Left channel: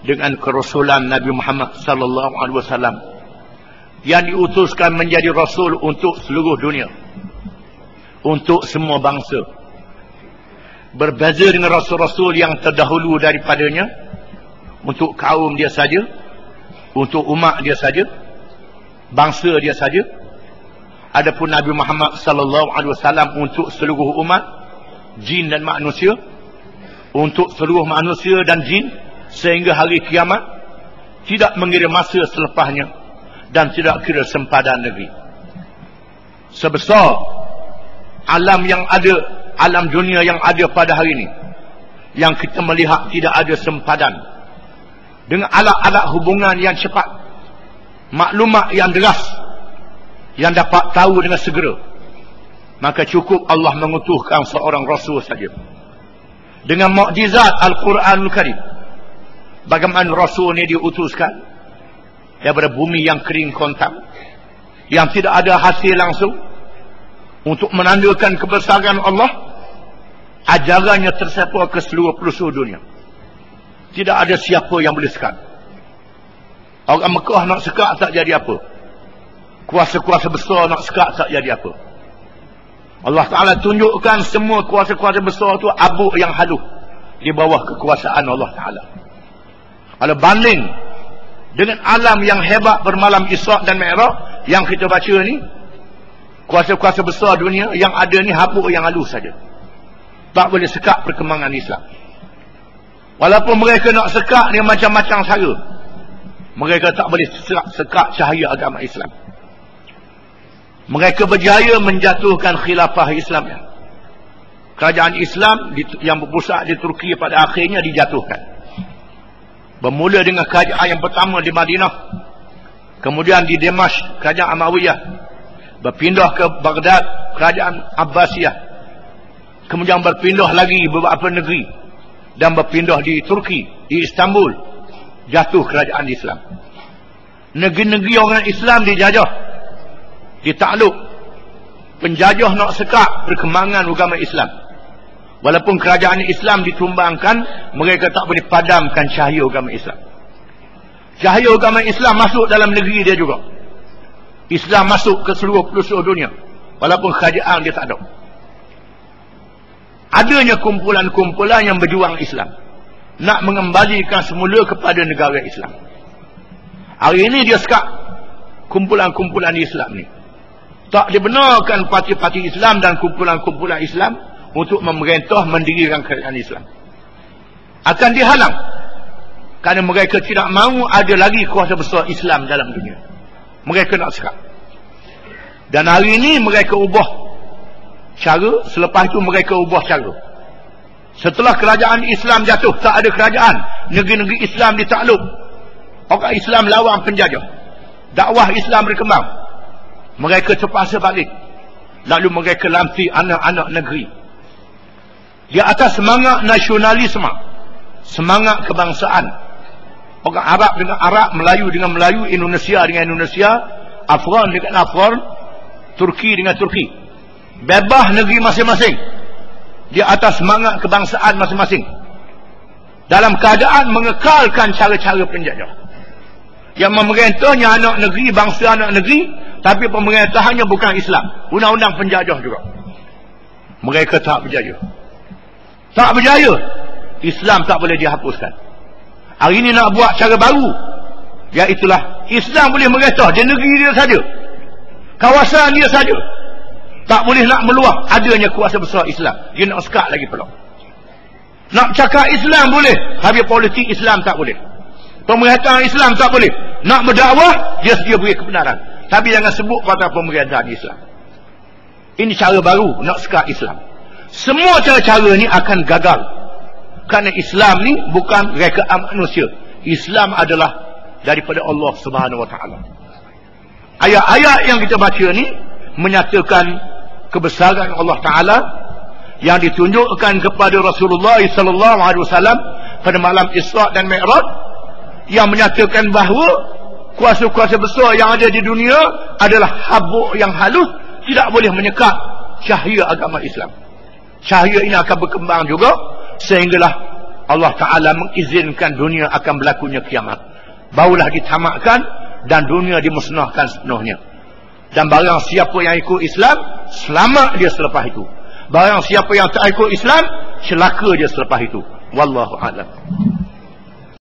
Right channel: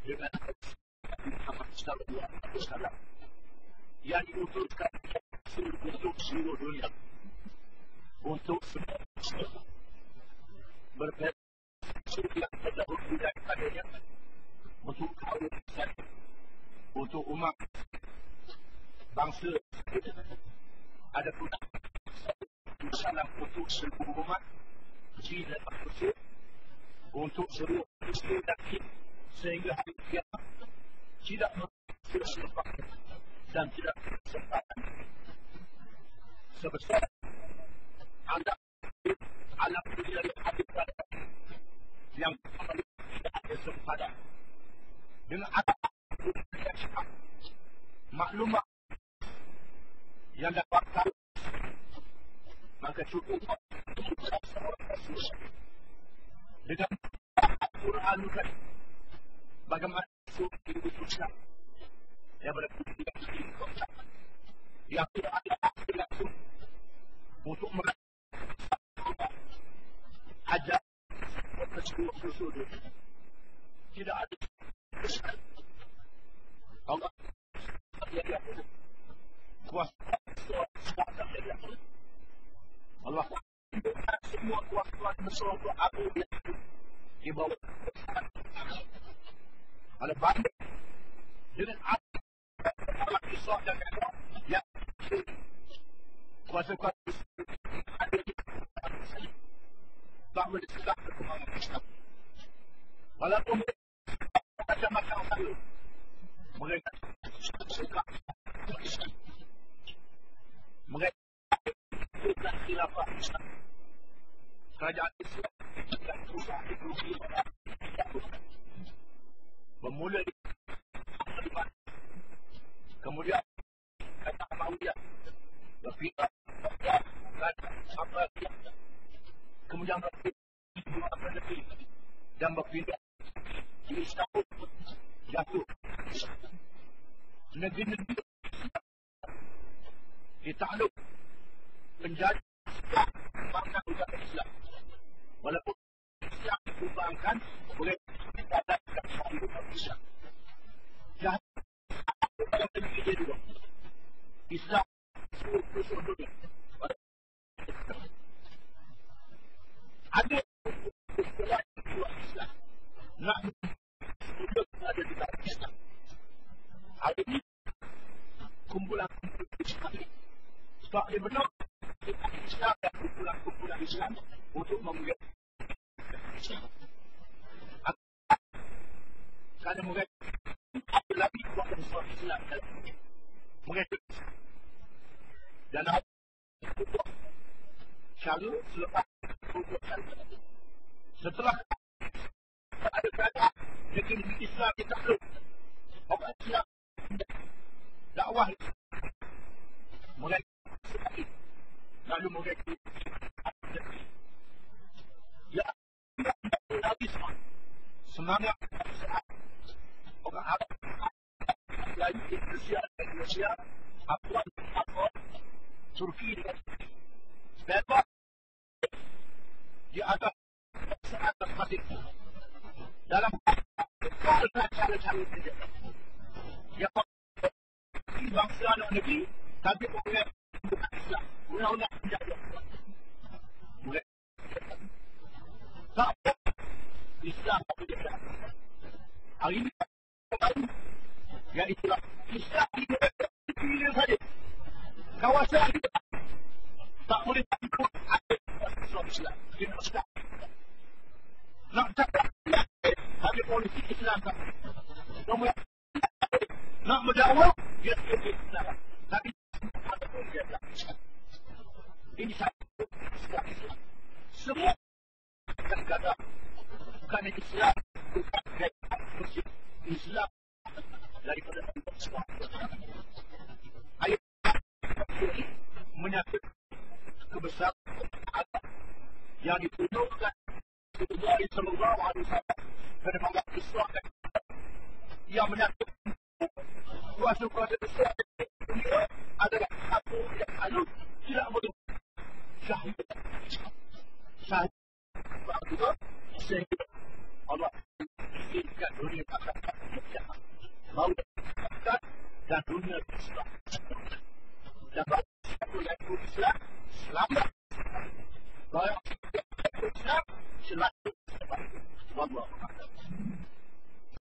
dengan kerasulan Nabi Muhammad sallallahu alaihi wasallam yang diutuskan menjadi rasul untuk seluruh dunia, untuk semua bangsa. Berbeza dengan rasul-rasul yang terdahulu daripadanya, untuk kaum dia saja, untuk umat dia saja, bangsa dia saja. Adapun Nabi Muhammad sallallahu alaihi wasallam untuk seluruh umat, jin dan manusia, untuk seluruh manusia dan jin sehingga hari kiamat, tidak mengira masa selepasnya dan tidak kira sempadan negeri. Sebesar alam yang ada, alam dunia yang ada pada hari ini, yang kita melihat tidak ada sempadan dengan alat-alat hubungan yang cepat, maklumat yang deras yang dapat tahu dengan segera, maka cukup Allah mengutuhkan seorang rasul saja dengan mukjizat Al-Quranul Karim. Bagaimana rasul ini diutuskan daripada bumi yang kering kontam, yang tidak ada hasil langsung, untuk menandakan kebesaran Allah. Ajarannya tersebar ke seluruh pelosok dunia. Tidak ada siapa yang boleh sekat. Orang Mekah nak sekat tak jadi apa, kuasa-kuasa besar nak sekat tak jadi apa. Allah Ta'ala tunjukkan semua kuasa-kuasa besar itu abuk yang halus di bawah kekuasaan Allah Ta'ala. Kalau banding dengan alam yang hebat bermalam Isra' dan Mi'raj yang kita baca ni, kuasa-kuasa besar dunia yang ada ni habuk yang halus saja, tak boleh sekat perkembangan Islam. Walaupun mereka nak sekat ni macam-macam cara, mereka tak boleh sekat cahaya agama Islam. Mereka berjaya menjatuhkan khilafah Islam. Kerajaan Islam yang berpusat di Turki pada akhirnya dijatuhkan. Bermula dengan kerajaan yang pertama di Madinah, kemudian di Damaskus kerajaan Amawiyah, berpindah ke Baghdad kerajaan Abbasiyah, kemudian berpindah lagi beberapa negeri dan berpindah di Turki, di Istanbul, jatuh kerajaan Islam. Negeri-negeri orang Islam dijajah, ditakluk. Penjajah nak sekat perkembangan agama Islam. Walaupun kerajaan Islam ditumbangkan, mereka tak boleh padamkan cahaya agama Islam. Cahaya agama Islam masuk dalam negeri dia juga. Islam masuk ke seluruh pelosok dunia, walaupun kerajaan dia tak ada. Adanya kumpulan-kumpulan yang berjuang Islam, nak mengembalikan semula kepada negara Islam. Hari ini dia sekat kumpulan-kumpulan Islam ni. Tak dibenarkan parti-parti Islam dan kumpulan-kumpulan Islam untuk memerintah mendirikan kerajaan Islam. Akan dihalang kerana mereka tidak mahu ada lagi kuasa besar Islam dalam dunia. Mereka nak sekat. Dan hari ini mereka ubah cara, selepas itu mereka ubah cara. Setelah kerajaan Islam jatuh, tak ada kerajaan, negeri-negeri Islam ditakluk, orang Islam lawan penjajah, dakwah Islam berkembang, mereka terpaksa balik. Lalu mereka lantik anak-anak negeri di atas semangat nasionalisme, semangat kebangsaan. Orang Arab dengan Arab, Melayu dengan Melayu, Indonesia dengan Indonesia, Afghan dengan Afghan, Turki dengan Turki. Bebas negeri masing-masing di atas semangat kebangsaan masing-masing, dalam keadaan mengekalkan cara-cara penjajah. Yang memerintahnya anak negeri, bangsa anak negeri, tapi pemerintahannya bukan Islam, undang-undang penjajah juga. Mereka tak berjaya. Tak berjaya. Islam tak boleh dihapuskan. Hari ini nak buat cara baru, iaitulah Islam boleh merintah di negeri dia saja, kawasan dia saja. Tak boleh nak meluah adanya kuasa besar Islam. Dia nak sekat lagi pula. Nak cakap Islam boleh, habis politik Islam tak boleh. Pemerintahan Islam tak boleh. Nak berdakwah, dia sedia beri kebenaran, tapi jangan sebut kata pemerintahan Islam. Ini cara baru nak sekat Islam. Semua cara-cara ni akan gagal, kerana Islam ni bukan rekaan manusia. Islam adalah daripada Allah Subhanahu Wa Taala. Ayat-ayat yang kita baca ni menyatakan kebesaran Allah Ta'ala yang ditunjukkan kepada Rasulullah sallallahu alaihi wasallam pada malam Isra' dan Mi'raj, yang menyatakan bahawa kuasa-kuasa besar yang ada di dunia adalah habuk yang halus, tidak boleh menyekat cahaya agama Islam. Cahaya ini akan berkembang juga sehinggalah Allah Ta'ala mengizinkan dunia akan berlakunya kiamat. Barulah ditamatkan dan dunia dimusnahkan sepenuhnya. Dan barang siapa yang ikut Islam, selamat dia selepas itu. Barang siapa yang tak ikut Islam, celaka dia selepas itu. Wallahu a'lam.